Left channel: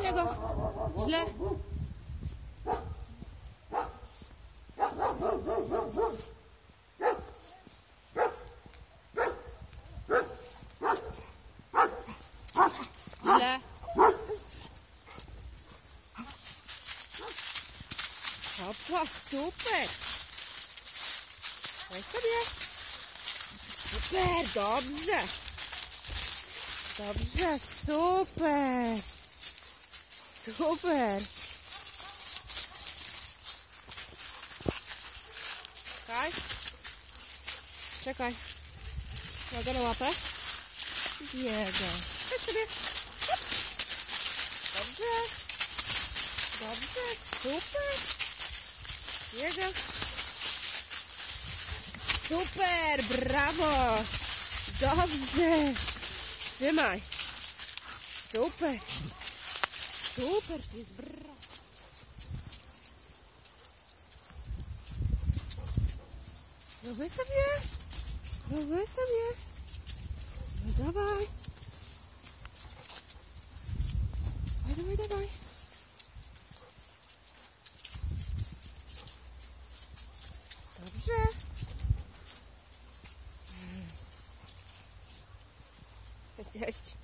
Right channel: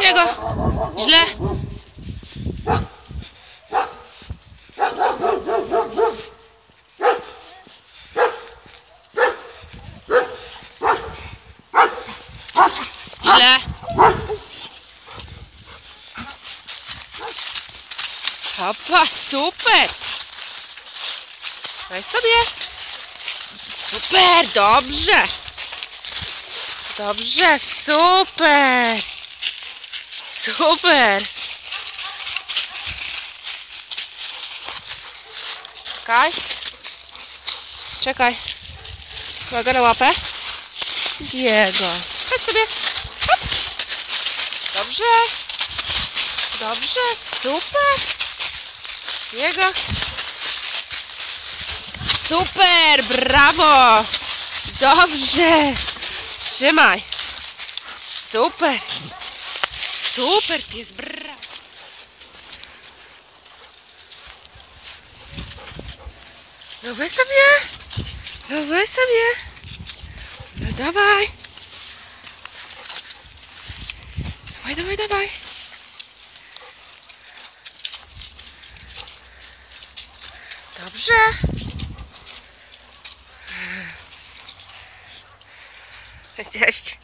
Jego. Źle. Źle. Hopa, super. Weź sobie. Super, dobrze. Dobrze, super. Super. Czekaj. Czekaj. Uwaga na łapę. Jego. Chodź sobie. Hop. Dobrze. Dobrze, super. Jego. Super, brawo. Dobrze. Trzymaj. Super. Супер піс, браво! Давай собі, давай собі. Ну давай. Давай, давай, давай. Dobrze. Cześć.